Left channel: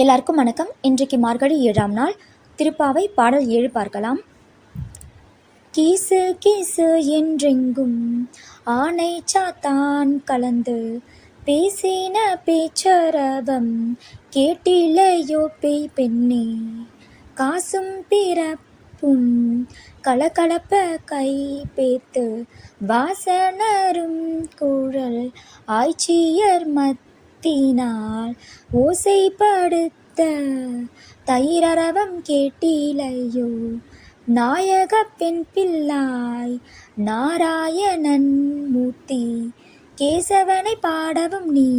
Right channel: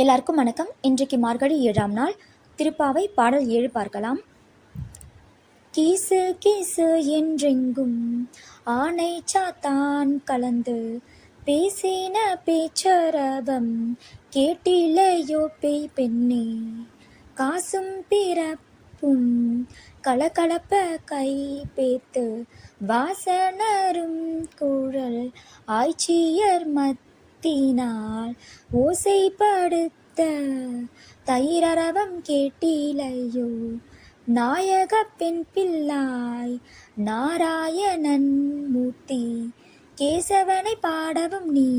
எல்லாருக்கும் வணக்கம். இன்றைக்கு மார்கழி 7ஆம் நாள். திருப்பாவை பாடல் 7 பார்க்கலாம். கீசு கீசு என்றெங்கும் ஆனை சாத்தான் கலந்து பேசின பேச்சரவம் கேட்டிலையோ பேய் பெண்ணே, காசும் பிறப்பும் கலகலப்ப கை பேத்து வாசனரும் குழல் ஆய்ச்சியர் மத்தினால் ஓசைப்படுத்த தயிரரவம் கேட்டிலையோ, நாயக பெண் பிள்ளாய் நாராயணன் மூர்த்தி கேசவனை பாடவும் நீ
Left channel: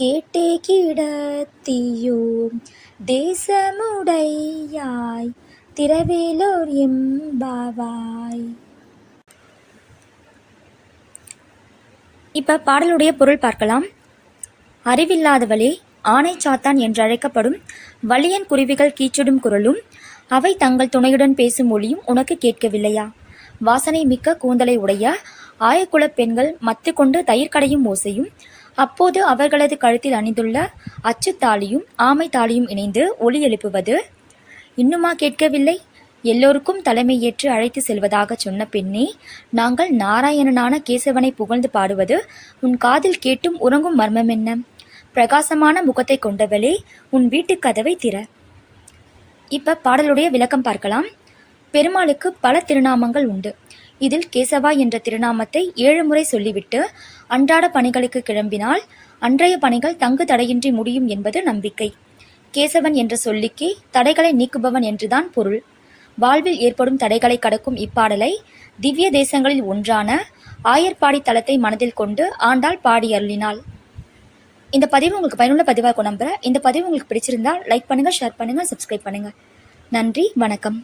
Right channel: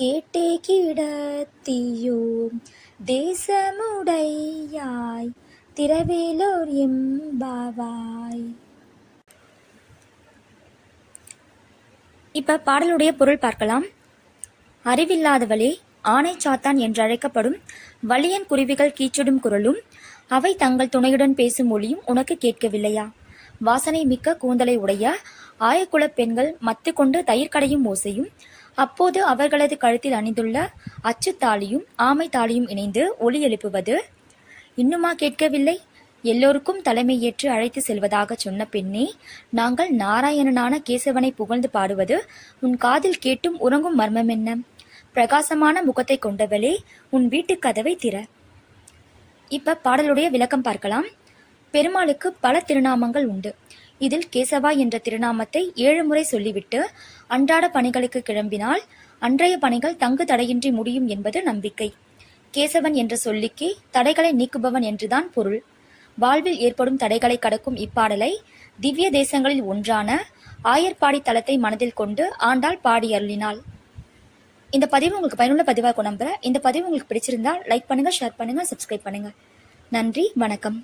கேட்டே கிடத்தியோ, தேசமுடையாய் திரவேலோர் எம்பாவாய். இப்ப பாடலுடைய பொருள் பார்க்கலாம். அறிவில்லாதவளே, ஆனை சாத்தான் என்றழைக்கப்படும் வலியன் குருவிகள் கீச்சிடும் குரலும் அவை தங்கள் துணையுடன் பேசும் ஒளியும் உனக்கு கேட்கவில்லையா? வாசனை மிக்க கூந்தலை உடைய ஆயக்குலப் பெண்கள் மத்து கொண்டு தயிர் கடையும் ஓசையும், அப்போது அவர்களது கழுத்தில் அணிந்துள்ள அச்சுத்தாலியும் ஆமை தாலியும் இணைந்து ஒலி எழுப்புவது இன்னுமா கேட்கவில்லை? எல்லோருக்கும் தலைமை ஏற்று அழைத்து செல்வதாக சொன்ன பெண்ணே, நாங்கள் நாராயணனான கேசவனை புகழ்ந்து பாடுவது உன் காதில் கேட்டும் உறங்கும் மர்மம் என்ன? பிரகாசமான முகத்தை கொண்டவளே, உன் வீட்டு கதவை திற. இப்ப பாடலுடைய விளக்கம் பார்க்கலாம். பெருமாளுக்கு பல திருநாமங்கள் உண்டு. இதில் கேசவா என்ற திருநாமத்தை 7 முறை சொல்லிவிட்டு அன்றாட பணிகளுக்கு கிளம்பினால் அன்றைய பணிகள் தங்கு தடையின்றி முடியும் என்பது நம்பிக்கை. கேசவன் என்ற சொல்லிக்கு தடைகளை நீக்குபவன் என்றுதான் பொருள். வாழ்வில் ஏற்படும் தடைகளை கடக்கும் இப்பாடலை திவ்ய தேசங்களில் ஒன்றான ஆயர்பாடி தலத்தை மனதில் கொண்டு ஆண்டாள் பாடி அருளினாள். இந்த பதிவு உங்களுக்கு பயனுள்ள பதிவாக நம்புறேன். இந்த பதிவு உங்களுக்கு பிடிச்சிருந்தா லைக் பண்ணுங்க, ஷேர் பண்ணுங்க, சப்ஸ்கிரைப் பண்ணுங்க. நன்றி, வணக்கம்.